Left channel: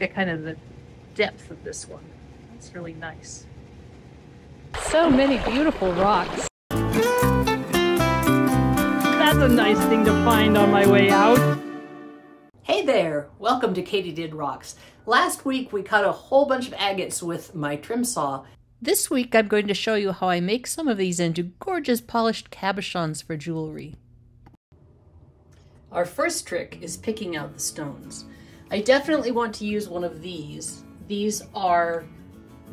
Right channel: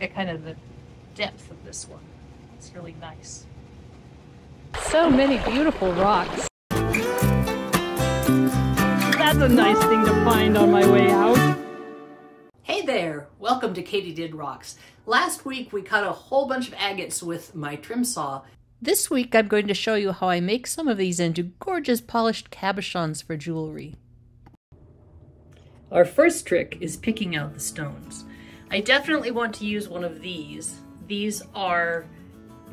at kind of the depth of this one. It's really nice. So many beautiful rocks. That's a nice thing to find on my way out. Hey there, welcome to Katie Did Rocks. Last week we cut a whole bunch of agates with my trim saw. This week I'm going to show you how I make some of these into gorgeous polished cabochons for jewelry. Our first trick is picking out the stones. I definitely want to use one of these. These are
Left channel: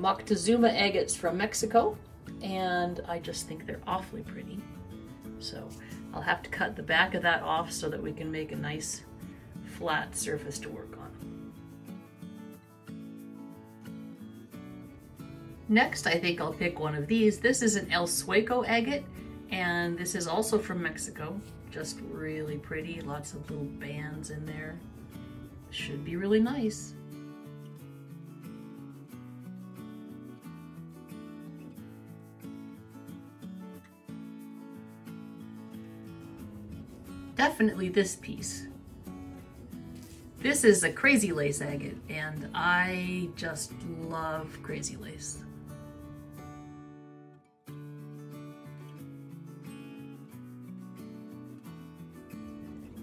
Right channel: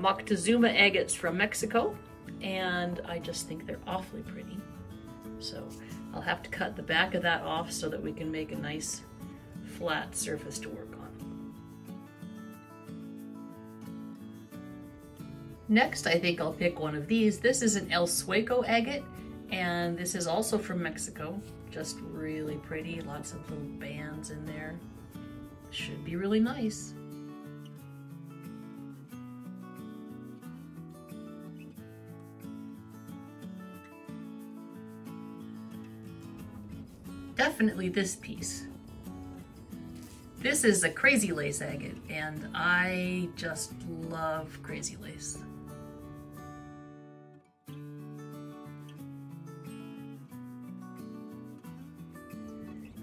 Moctezuma agates from Mexico, and I just think they're awfully pretty. So I'll have to cut the back of that off so that we can make a nice flat surface to work on. Next, I think I'll pick one of these. This is an El Sueco agate, and this is also from Mexico. Just really pretty, lots of little bands in there. Should be really nice. Definitely this piece. This is a crazy lace agate, and I just love crazy lace.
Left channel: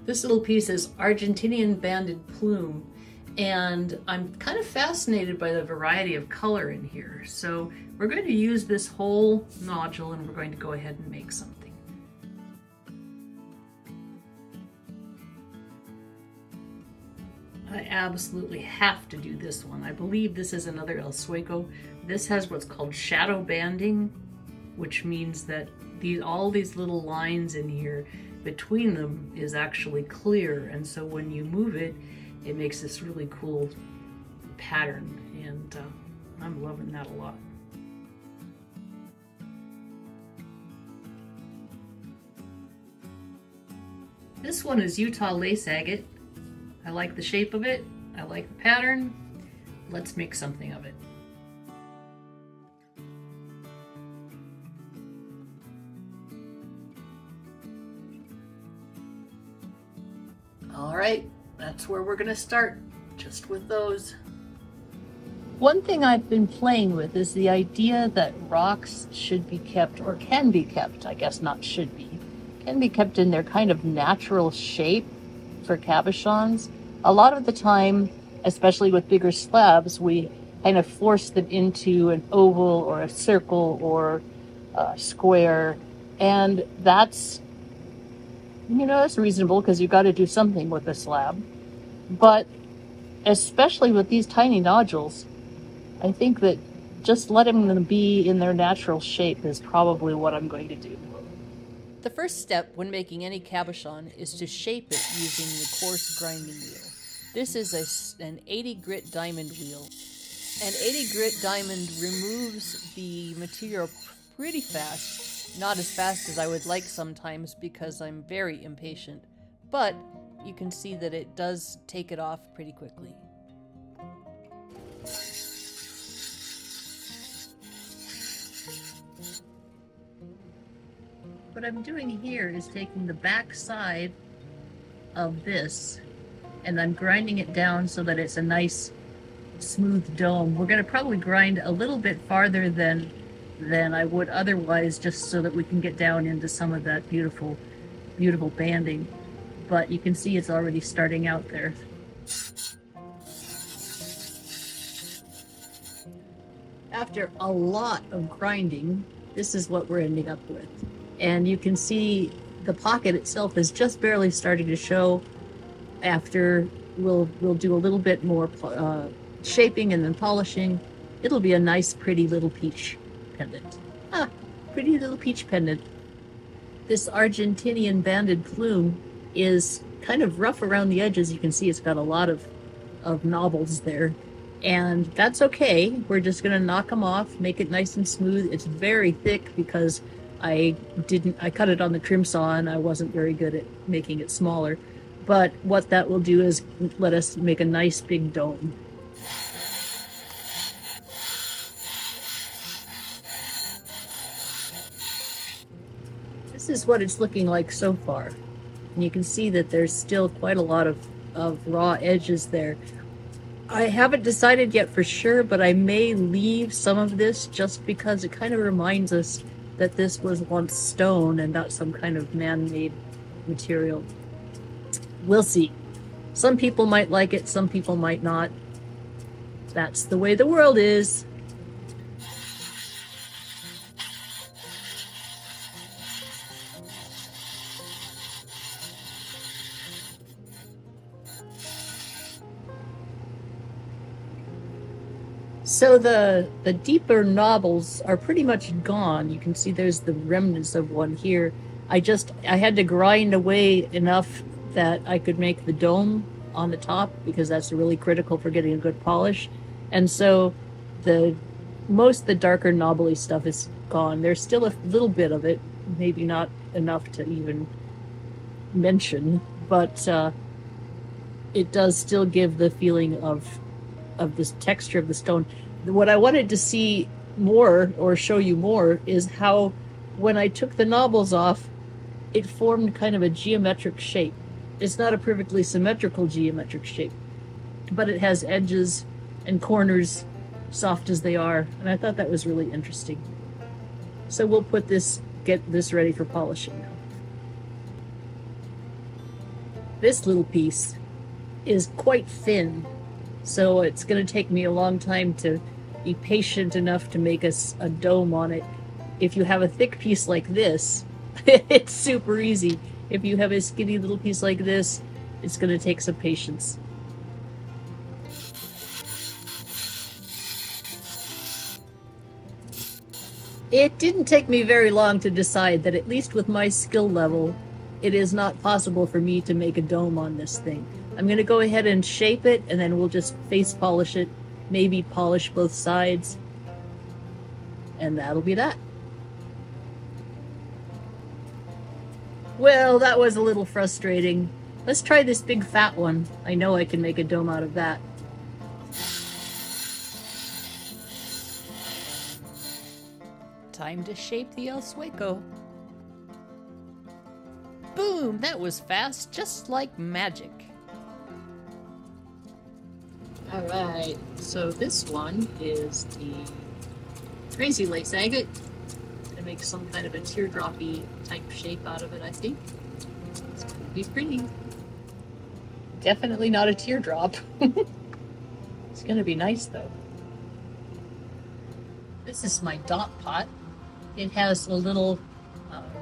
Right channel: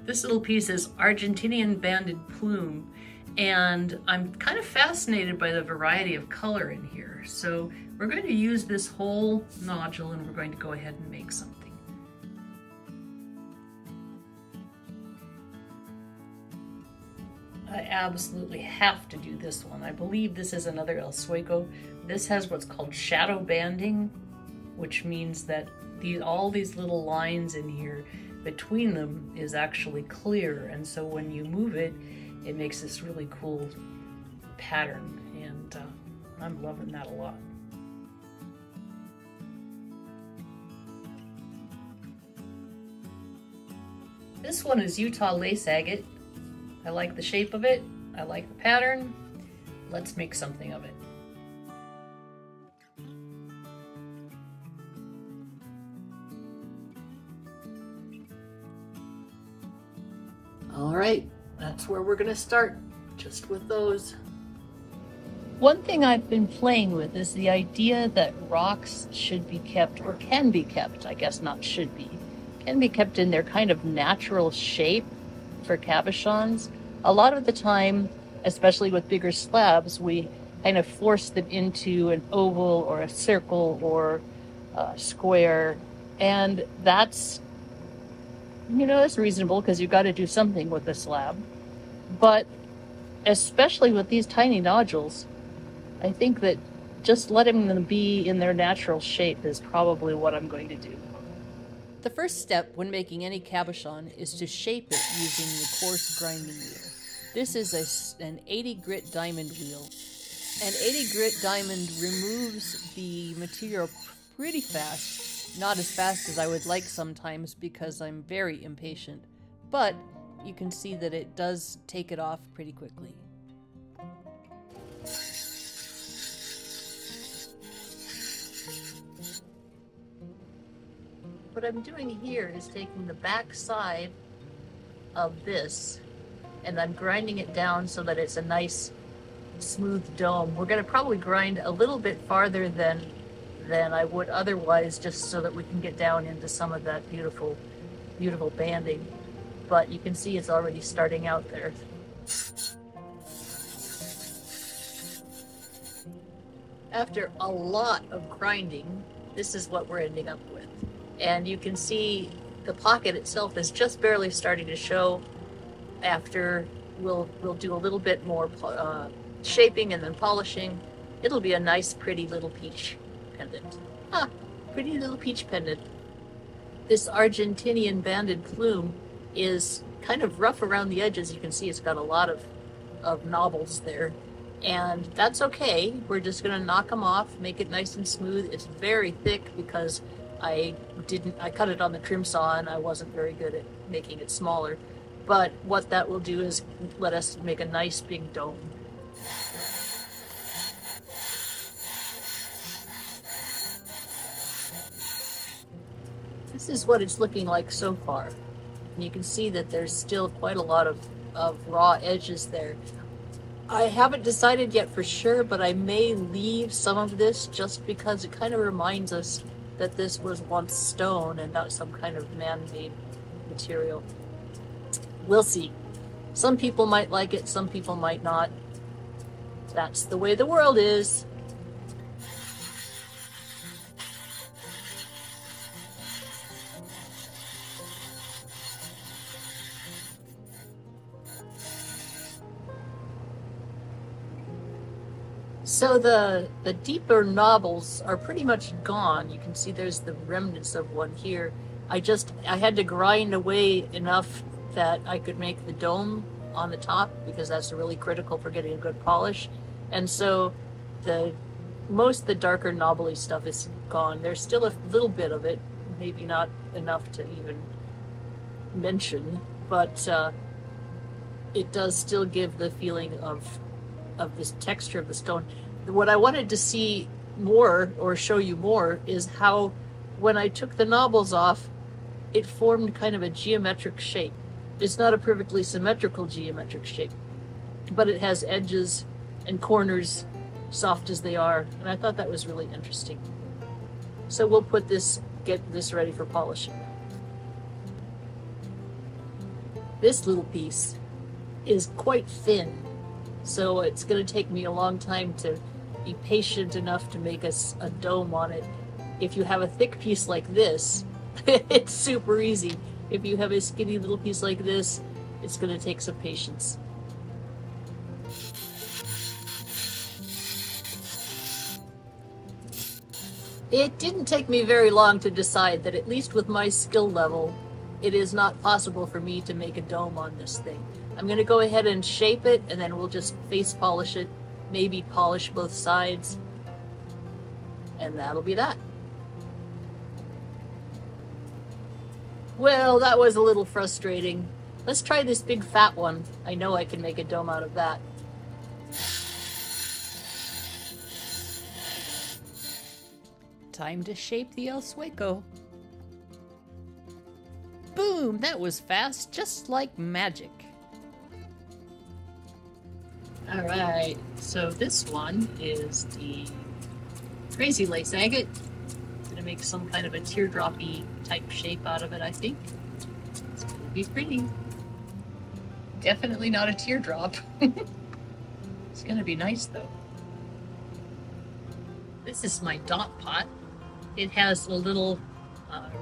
This little piece is Argentinian banded plume, and I'm kind of fascinated by the variety of color in here. So we're going to use this whole nodule and we're going to go ahead and make something. I absolutely have to do this one. I believe this is another El Sueco. This has what's called shadow banding, which means that all these little lines in here between them is actually clear, and so when you move it, it makes this really cool pattern, and I'm loving that a lot. This one is Utah lace agate. I like the shape of it, I like the pattern. Let's make something of it. All right, that's where we're gonna start, just with those. One thing I've been playing with is the idea that rocks should be kept, or can be kept, I guess not should be, can be kept in their kind of natural shape for cabochons. A lot of the time, especially with bigger slabs, we kind of force them into an oval or a circle or a square, and that's, you know, that's reasonable because you've got to do something with the slab. But especially with these tiny nodules, I think that just letting them be in their natural shape is probably what I'm going to do. The first step when making any cabochon is to shape it using the coarse grinding wheel. This is an 80 grit diamond wheel. An 80 grit diamond removes the material pretty fast. Not as fast as I would like sometimes because I'm very impatient, but you can see that it does take it off pretty quickly. What I'm doing here is taking the back side of this and I'm grinding it down so that it's a nice smooth dome. We're going to probably grind a little bit farther than I would otherwise, just so that we can get down into some of that beautiful, beautiful banding. But you can see it's already starting out there. After a lot of grinding, this is what we're ending up with. And you can see the pocket itself is just barely starting to show. After we'll do a little bit more shaping and then polishing. It'll be a nice, pretty little peach pendant. Pretty little peach pendant. This Argentinian banded plume is kind of rough around the edges. You can see it's got a lot of knobbles there. And that's okay. We're just going to knock them off, make it nice and smooth. It's very thick because I cut it on the trim saw and I wasn't very good at making it smaller. But what that will do is let us make a nice big dome. This is what it's looking like so far. And you can see that there's still quite a lot of raw edges there. I haven't decided yet for sure, but I may leave some of this just because it kind of reminds us that this was once stone and not some kind of man-made material. We'll see. Some people might like it, some people might not. That's the way the world is. So the deeper knobbles are pretty much gone. You can see there's the remnants of one here. I had to grind away enough that I could make the dome on the top, because that's really critical for getting a good polish. And so most of the darker knobbly stuff is gone. There's still a little bit of it, maybe not enough to even mention, but it does still give the feeling of this texture of the stone. What I wanted to see more, or show you more, is how when I took the knobbles off, it formed kind of a geometric shape. It's not a perfectly symmetrical geometric shape, but it has edges and corners, soft as they are, and I thought that was really interesting. So we'll get this ready for polishing now. This little piece is quite thin, so it's going to take me a long time to be patient enough to make a dome on it. If you have a thick piece like this, it's super easy. If you have a skinny little piece like this, it's going to take some patience. It didn't take me very long to decide that, at least with my skill level, it is not possible for me to make a dome on this thing. I'm going to go ahead and shape it, and then we'll just face polish it, maybe polish both sides, and that'll be that. Well, that was a little frustrating. Let's try this big fat one. I know I can make a dome out of that. Time to shape the El Sueco. Boom! That was fast, just like magic. Alright, so this one is the Crazy Lace Agate. I'm gonna make some kind of a teardroppy type shape out of it, I think. It's gonna be pretty. Definitely not a teardrop. It's gonna be nice though. This is my dot pot. It has a little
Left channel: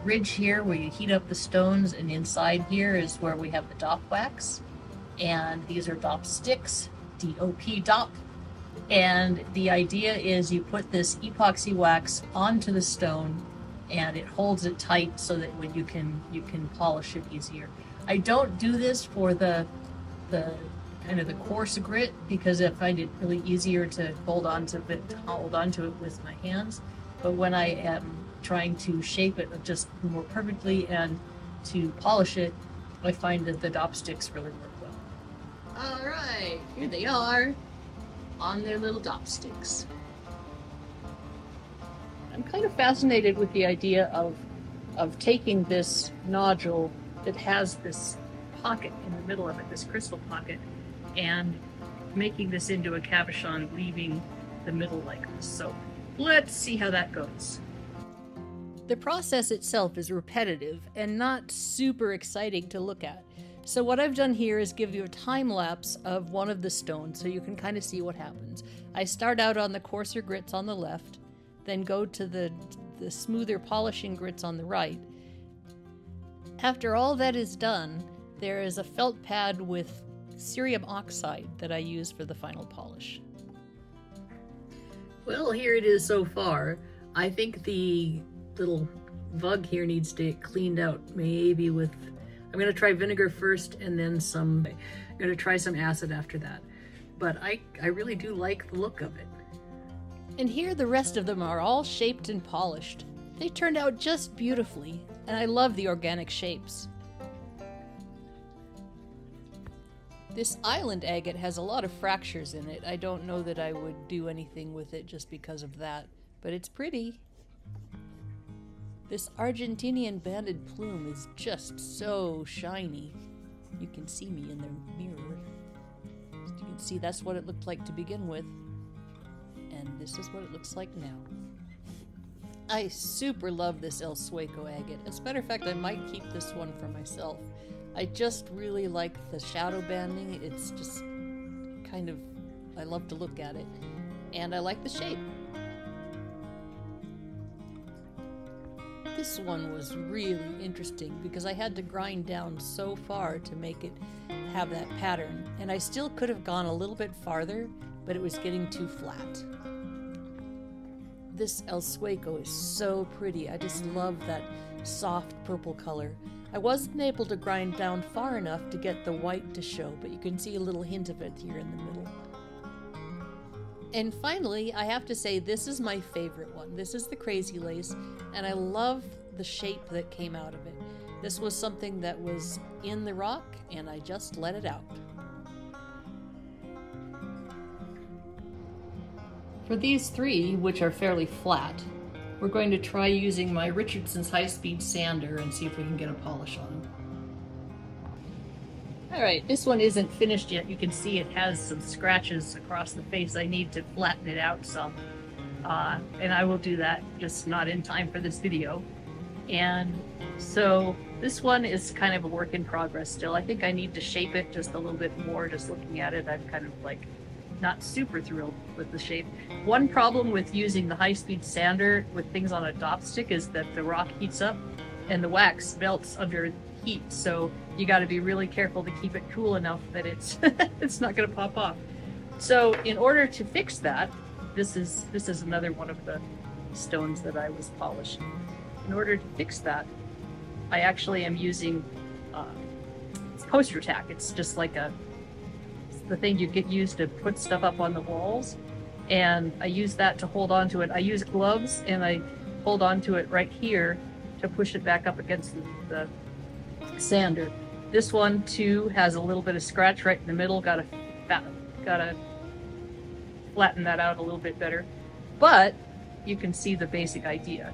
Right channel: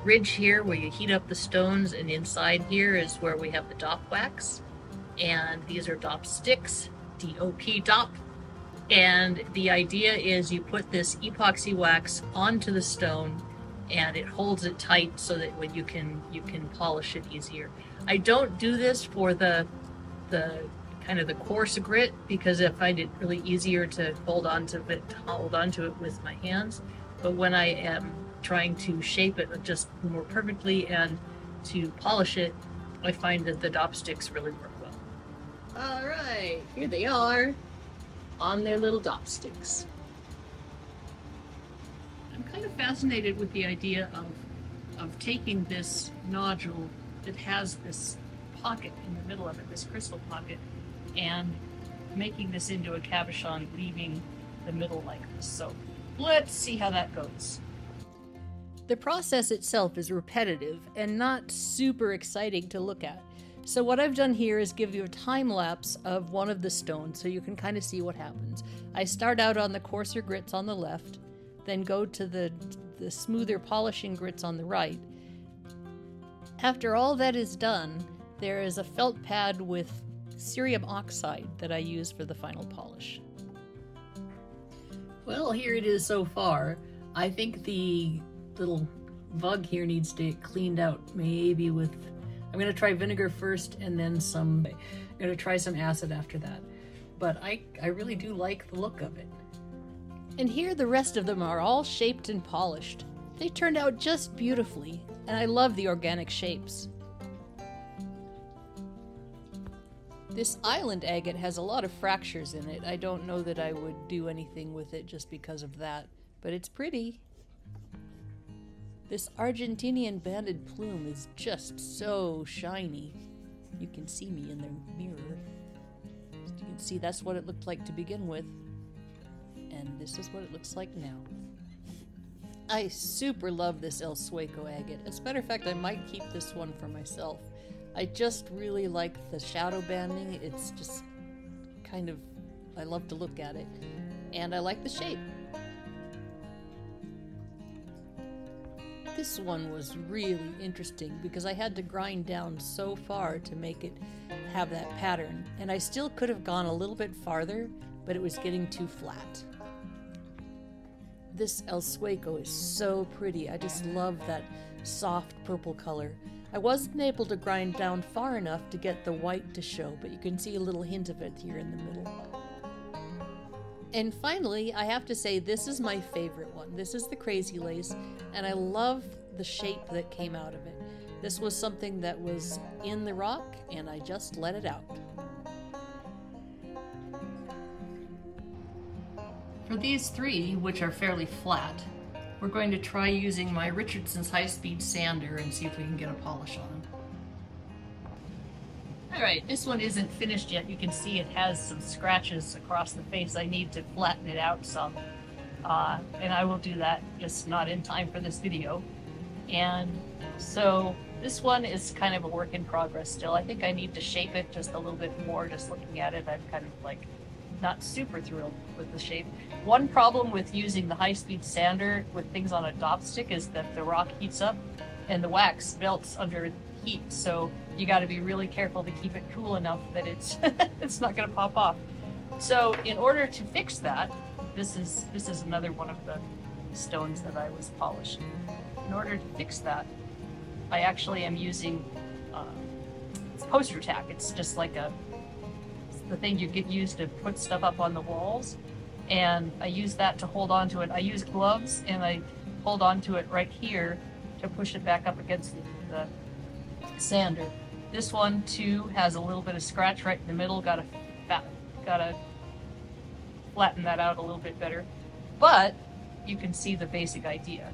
ridge here where you heat up the stones, and inside here is where we have the dop wax. And these are dop sticks, DOP dop. And the idea is you put this epoxy wax onto the stone, and it holds it tight so that when you can polish it easier. I don't do this for the kind of the coarse grit, because I find it really easier to hold on to it with my hands. But when I am trying to shape it just more perfectly and to polish it, I find that the dop sticks really work well. All right, here they are on their little dop sticks. I'm kind of fascinated with the idea of taking this nodule that has this pocket in the middle of it, this crystal pocket, and making this into a cabochon, leaving the middle like this. So let's see how that goes. The process itself is repetitive and not super exciting to look at. So what I've done here is give you a time lapse of one of the stones so you can kind of see what happens. I start out on the coarser grits on the left, then go to the smoother polishing grits on the right. After all that is done, there is a felt pad with cerium oxide that I use for the final polish. Well, here it is so far. I think the little vug here needs to get cleaned out, maybe with, I'm gonna try vinegar first and then I'm gonna try some acid after that. But I really do like the look of it. And here the rest of them are all shaped and polished. They turned out just beautifully, and I love the organic shapes. This island agate has a lot of fractures in it. I don't know that I would do anything with it just because of that, but it's pretty. This Argentinian banded plume is just so shiny. You can see me in the mirror. You can see, that's what it looked like to begin with. And this is what it looks like now. I super love this El Sueco agate. As a matter of fact, I might keep this one for myself. I just really like the shadow banding. It's just kind of, I love to look at it. And I like the shape. This one was really interesting because I had to grind down so far to make it have that pattern. And I still could have gone a little bit farther, but it was getting too flat. This El Sueco is so pretty. I just love that soft purple color. I wasn't able to grind down far enough to get the white to show, but you can see a little hint of it here in the middle. And finally, I have to say this is my favorite one. This is the Crazy Lace, and I love the shape that came out of it. This was something that was in the rock, and I just let it out. For these three, which are fairly flat, we're going to try using my Richardson's high-speed sander and see if we can get a polish on them. Alright, this one isn't finished yet. You can see it has some scratches across the face. I need to flatten it out some. And I will do that, just not in time for this video. And so this one is kind of a work in progress still. I think I need to shape it just a little bit more. Just looking at it, I'm kind of like not super thrilled with the shape. One problem with using the high-speed sander with things on a dop stick is that the rock heats up and the wax melts under heat, so you got to be really careful to keep it cool enough that it's it's not going to pop off. So in order to fix that, this is another one of the stones that I was polishing. In order to fix that, I actually am using poster tack. It's just like the thing you get used to put stuff up on the walls, and I use that to hold on to it. I use gloves and I hold on to it right here to push it back up against the sander. This one too has a little bit of scratch right in the middle. Gotta flatten that out a little bit better, but you can see the basic idea.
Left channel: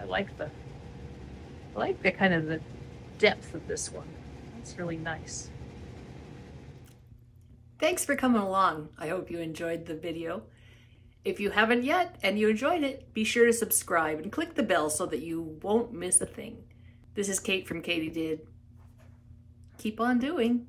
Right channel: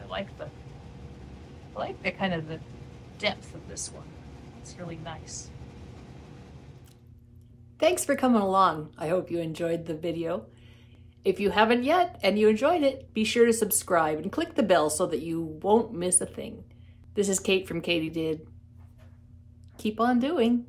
I like the kind of the depth of this one. It's really nice. Thanks for coming along. I hope you enjoyed the video. If you haven't yet and you enjoyed it, be sure to subscribe and click the bell so that you won't miss a thing. This is Kate from Katie Did. Keep on doing.